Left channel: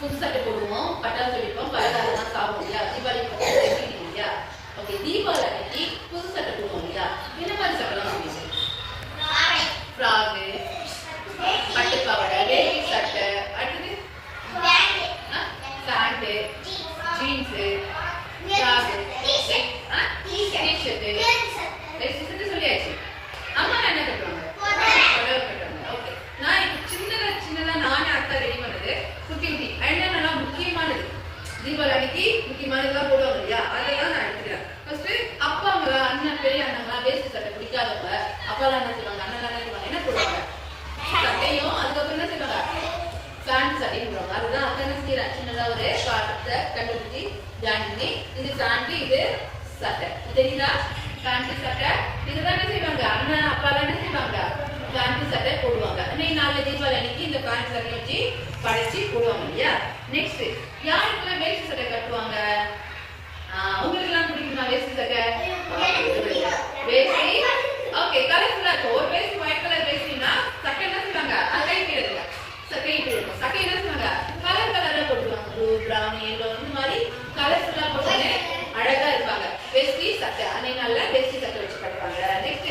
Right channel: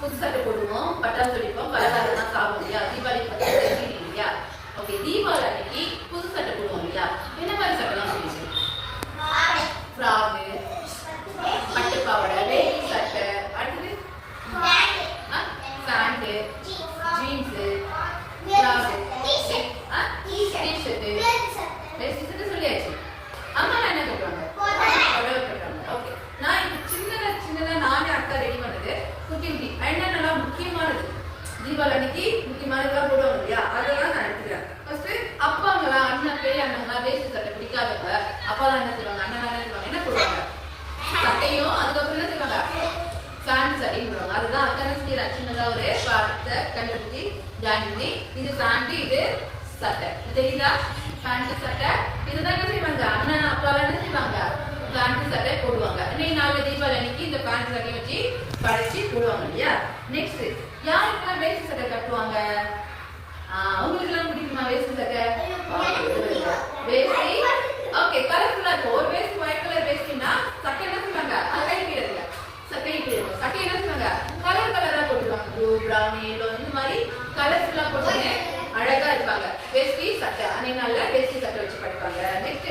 புது சட்டை போடுவோம், பட்டாசு வெடிப்போம், பலகாரம்லாம் சாப்பிடுவோம் இல்லையா? தீபாவளி பட்டாசு இல்லையா? ஓகே, தீபாவளி அன்னைக்கு புது சட்டை போடுவோம் இல்லையா? என்ன மாதிரி சட்டைலாம் போடுவீங்க? ஃப்ராகு, பட்டு பாவாடை, வேட்டி சட்டை, அடுத்தது பேண்ட், ஜீன்ஸ், ஃப்ராக், டி-ஷர்ட், வேஷ்டி சட்டை சொல்லியாச்சு. அம்மா என்ன கட்டுவாங்க? புடவை கட்டுவாங்க. ஓகே, நான் இப்போ சின்னதா நானே அக்கா ரெடி பண்ணது குட்டி என்னென்னலாம் முக்கியமானது தீபாவளி அன்னைக்கு முக்கியமானதெல்லாம் போடுவாங்க இல்லையா? அதெல்லாம் நான் எடுத்துக்கிறேன். ஃபர்ஸ்ட் அப்பாங்களா, அண்ணன், பெரிய அண்ணங்களா வேஷ்டி சட்டை பிடிக்காதவங்க அப்பாலாம் என்ன செய்வாங்க, அண்ணன் என்ன செய்வாங்க, என்ன போடுவாங்க? சட்டையும் அதுக்கப்புறம் என்ன செய்வாங்க, பேண்ட் சட்டையும் போடுவாங்க. அதுதான் அக்கா என்ன செய்யறேன், சின்னதா ஒரு பாடத்தை கண்டுபிடிச்சி ஜாயின் பண்ணி இது பேண்ட், இது சட்டை, தெரியுதா? பேண்ட் சட்டை இதுதான் என்ன செய்வாங்க, அண்ணன் அப்பாலாம் என்ன செய்வாங்க, பேண்ட் சட்டை போடுவாங்க. இன்னைக்கு நாளைக்கு தீபாவளி அன்னைக்கு இந்த பேண்ட் சட்டை வச்சு படைச்சு போடுவாங்க இல்லையா? நெக்ஸ்ட் யாருக்கெல்லாம் வேஷ்டி சட்டை கட்டுவாங்க? உங்களுக்கு எல்லாம் பிடிக்குமா வேஷ்டி சட்டை? வேஷ்டி ஓகே, கலர்ஃபுல்லா இருக்கும். ஒரு வேஷ்டி ஒயிட் கலர் வேஷ்டினா சட்டை என்ன செய்வாங்க, கை கீழே சட்டை கீழே சட்டை என்ன செய்வாங்க, கலர் கலரா போட்டுருவாங்க. ப்ளூ, பிரவுன், எல்லோ இந்த மாதிரி கலர்ஃபுல்லா போட்டு அழகா இருப்பாங்க. வேஷ்டி சட்டை அன்னைக்கு நல்ல வேஷ்டி சட்டை வச்சு படிப்பாங்க. நெக்ஸ்ட்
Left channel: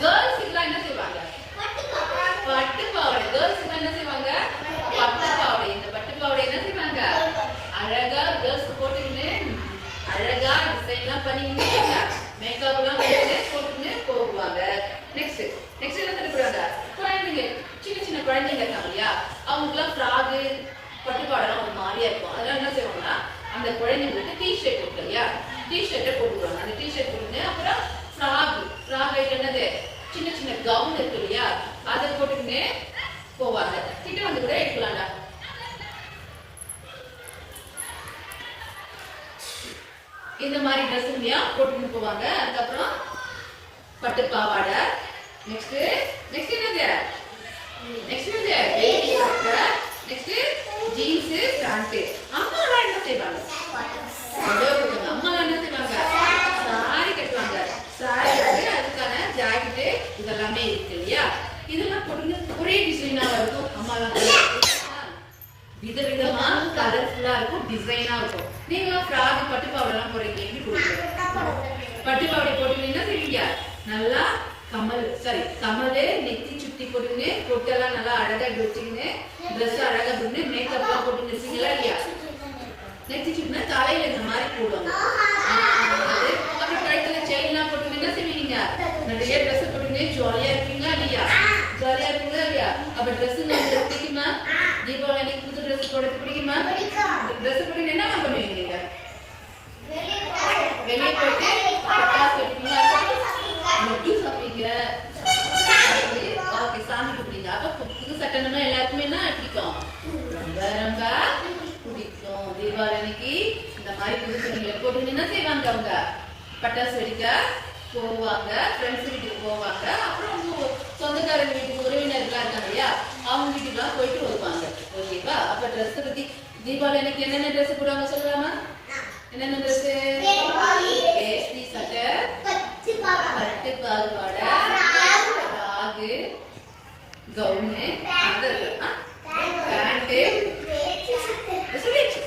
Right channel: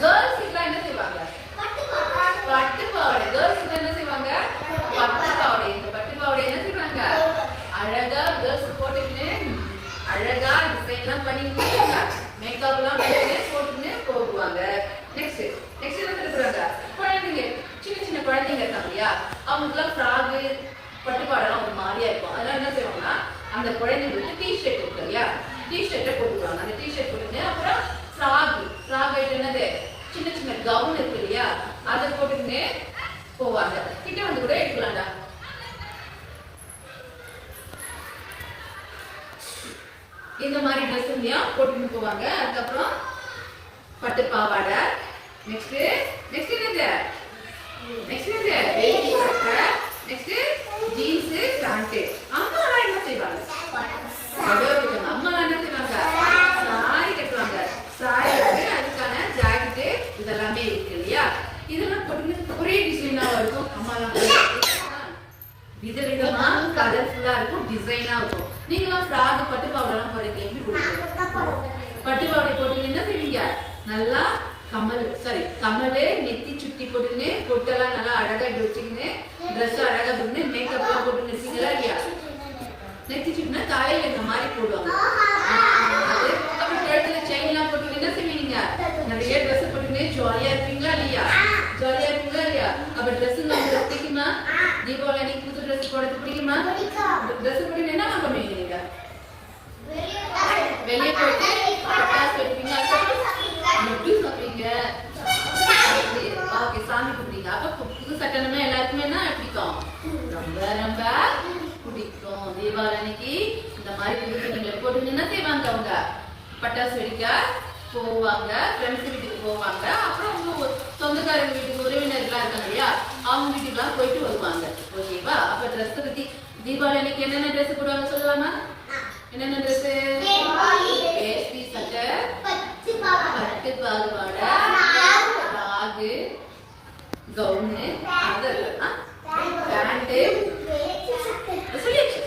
கேர்ள்ஸ் எல்லாம் என்ன செய்வாங்க, பட்டு பாவாடை. கேர்ள்ஸ் என்ன செய்வாங்க, பட்டு பாவாடை. இந்த பட்டு பாவாடை என்ன செய்வாங்க, அழகா கேர்ள்ஸ் போட்டுக்கின்னு அழகா டிசைன் எல்லாம் பண்ணிக்கிட்டு மேக்கப் எல்லாம் போட்டுன்னு போடுவாங்க. நெக்ஸ்ட் என்ன பண்ணுவாங்க, குழந்தைங்க, சின்ன குழந்தைங்க இருக்காங்க இல்லையா? அவங்களுக்கு எல்லாம் ஃப்ராகு பட்டு பாவாடெல்லாம் ஒரு மாதிரியா இருக்கும். அதெல்லாம் என்ன செய்வாங்கன்னா அந்த குழந்தைங்களுக்கு டி-ஷர்ட் இருக்கு இல்லையா, டி-ஷர்ட்டை போட்டுக்குவாங்க. அந்த டி-ஷர்ட் போட்டுன்னு அப்புறம் ஃப்ராக் என்னது, சின்ன கவுன் இருக்கு இல்லையா, அதை போட்டுக்கின்னு போவாங்க. கிட்ட வந்து கூட எடுக்கலாம்டா. இந்த மாதிரி ட்ரெஸ் இல்லையா போட்டுக்கின்னு போவாங்க. அதுக்கப்புறம் பட்டு பாவாடை. நெக்ஸ்ட் என்னது, வேட்டி சட்டை, நெக்ஸ்ட் ஜீன்ஸ், பேண்ட். அம்மா எல்லாம் என்ன செய்வாங்க, அம்மா எல்லாம் என்ன செய்வாங்க, சாரி கட்டுவாங்க. சாரி அதுக்கான ஜாக்கெட் இதெல்லாமே இருக்கு இல்லையா? இதெல்லாம் போட்டு ஒரே டிசைனா இருக்கும். அம்மா எல்லாம் விதவிதமா கலர்ஃபுல்லா இருக்கும், டிசைனா இருக்கும். நீங்களாம் ஃப்ராக் பட்டு பாவாடை எல்லாம் போறீங்க, எப்படி போடுவீங்க? பட்டு பாவாடை போட்டு என்ன செய்வீங்க, நல்லா கம்மலு நெத்தி சுட்டி போட்டுன்னு பொட்டெல்லாம் நல்லா அழகா வச்சுக்கின்னு ட்ரெஸ் அழகா போட்டு மேக்கப் எல்லாம் போட்டு நிற்சீங்களா இல்லையா? நெத்தி சுட்டினா தலையில இந்த மாதிரி போடுவாங்க. அப்புறம் கழுத்துல செயின் எல்லாம் போட்டு என்ன செய்வீங்க, நிறைய ட்ரெஸ் போட்டுக்கினே ஜாலியா இருப்பீங்களா இல்லையா? அப்ப ட்ரெஸ் உங்களுக்கு பிடிக்குமா? தீபாவளி அன்னைக்கு புது ட்ரெஸ் போடுறது பிடிக்குமா? ட்ரெஸ் போட்டு என்ன பண்ணுவீங்க நீங்க? வெளியே போயிட்டு பட்டாசு வெடிப்பீங்க, லட்டு சாப்பிடுவீங்க, சாமி கும்பிடுங்க. அப்ப புது சட்டம்னா எல்லாருக்குமே என்ன பிடிக்கும், ரொம்ப ரொம்ப பிடிக்கும். தீபாவளி அன்னைக்கு இந்த மாதிரி புது சட்டைகளை போட்டு என்ன செய்வாங்க, அவங்க பட்டாசு வெடிக்க போவாங்க, ஃப்ரெண்ட்ஸ் வீட்டுக்கு போவாங்க. அப்புறம் உங்க சொந்தக்காரங்க வீட்டுக்கு உறவினர்கள்லாம் இருக்காங்க இல்லையா, அவங்க வீட்டுக்குலாம் போயிட்டு வருவாங்க. ஓகேவா? அப்ப ட்ரெஸ் பத்தி தீபாவளி அன்னைக்கு என்னென்ன ட்ரெஸ் போடுவாங்க சொல்லலாமா? என்னென்ன ட்ரெஸ்? வேஷ்டி சட்டை, பட்டு பாவாடை, ஃப்ராகு, கவுனு, பேண்ட் சொல்லியாச்சு,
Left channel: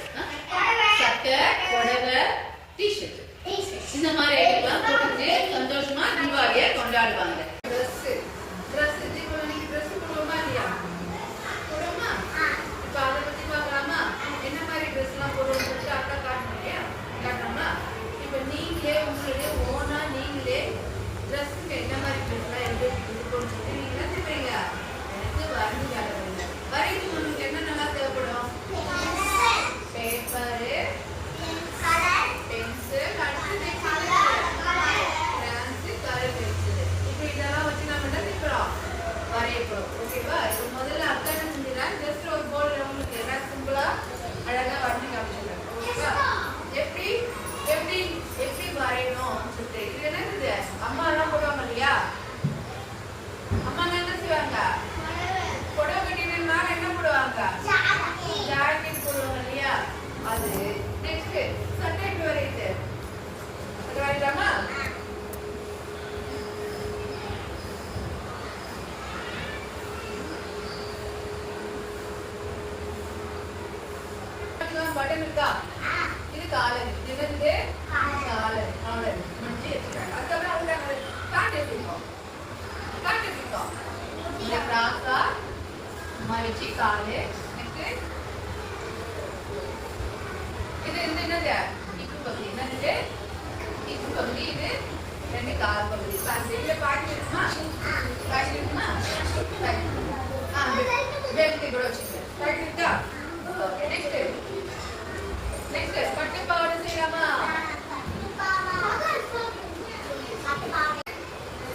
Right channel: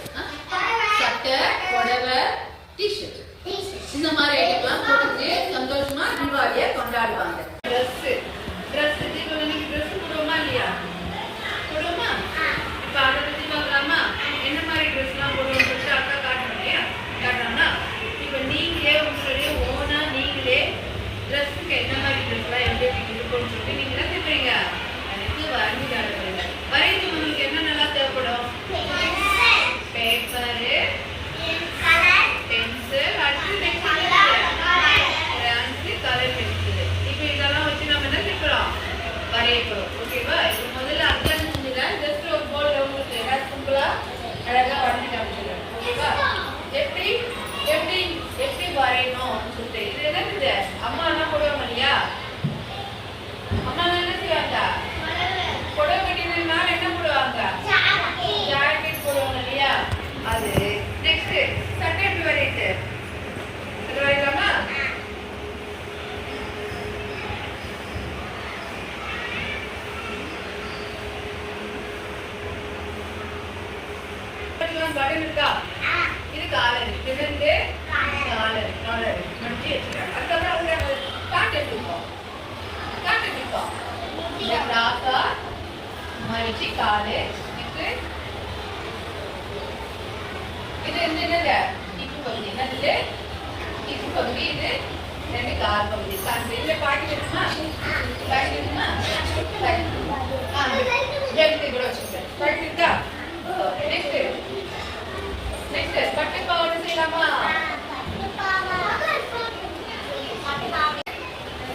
சட்டை, புடவை, டி-ஷர்ட், இந்த மாதிரி ஐட்டம்லாம் போட்டுட்டு சந்தோஷமா தீபாவளியை கொண்டாடுவாங்க. ட்ரெஸ் தீபாவளி ட்ரெஸ் போடுவோமா இல்லையா? போடுவோமா? இப்ப அதை பத்தி பார்க்கலாமா? என்ன மாதிரி ட்ரெஸ் எல்லாம் போடுவோம்னு சொல்லிட்டு அக்கா காட்டணும் இல்லையா? காட்டணும்னா இப்ப நீங்களே உங்களுடைய ஓனா நீங்களே ட்ரெஸ்ஸுக்கு என்ன மாதிரி ட்ரெஸ் எல்லாம் எப்படி இருக்கும்னு சொல்லிட்டு நீங்க என்ன செய்வீங்க, எனக்கு வரைஞ்சு காட்டுவீங்க. வரைஞ்சு உங்களுக்கு என்னென்னலாம் தேவைப்படும், பட்டன் பட்டன் இருக்கா? இது காலர். இது வந்து காலர். காலர். முடிஞ்சு வச்சுருக்காங்க. அதுக்கப்புறம் அவங்க காட்டு எடுத்துப்போம். காட்டு எடுத்துப்போம். இந்த கிராஸா மடிச்சு காலு. நெக்ஸ்ட் இது என்னது? இப்பு பகுதி. என்னது? இப்பு பகுதி. இது ரெண்டு கால் பகுதி. இதுல பாட்டி வேணுமா? பாட்டி வேணுமா? ஜெல்தி கூட வச்சுக்கிறேன். பாட்டி இருக்கா? நெக்ஸ்ட் நெக்ஸ்ட் பட்டு பாவாடை செய்யலாமா?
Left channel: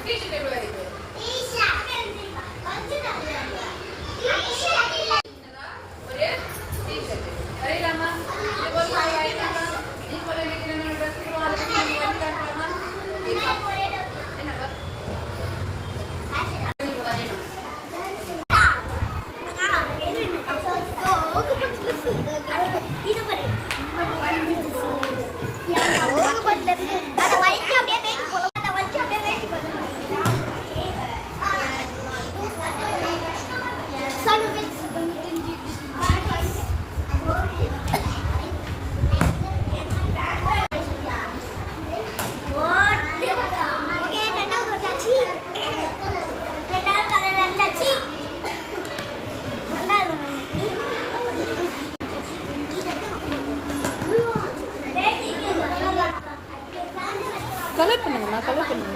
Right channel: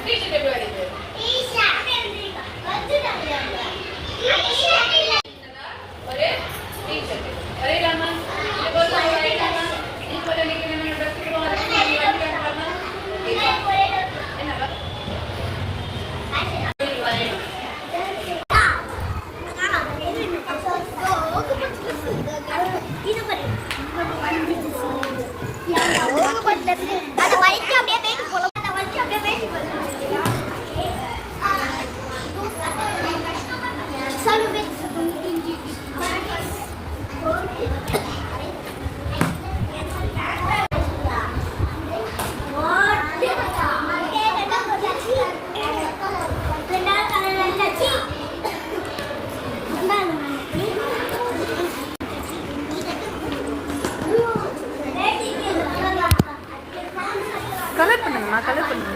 டீஷர்ட் எப்படி வருது? ஒரு டீஷர்ட் வரையலாமா? இது போல வரையலாமா? இது போல நீங்க நம்ம ட்ரெஸ் போடுவோம். அதுக்கு நீங்க வந்து காட்டலாமா? என்னவா? கலர் பண்ணுங்கம்மா, கலர் பண்ணுங்க.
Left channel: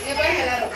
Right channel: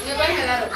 இங்க பாருங்க எல்லாரும்.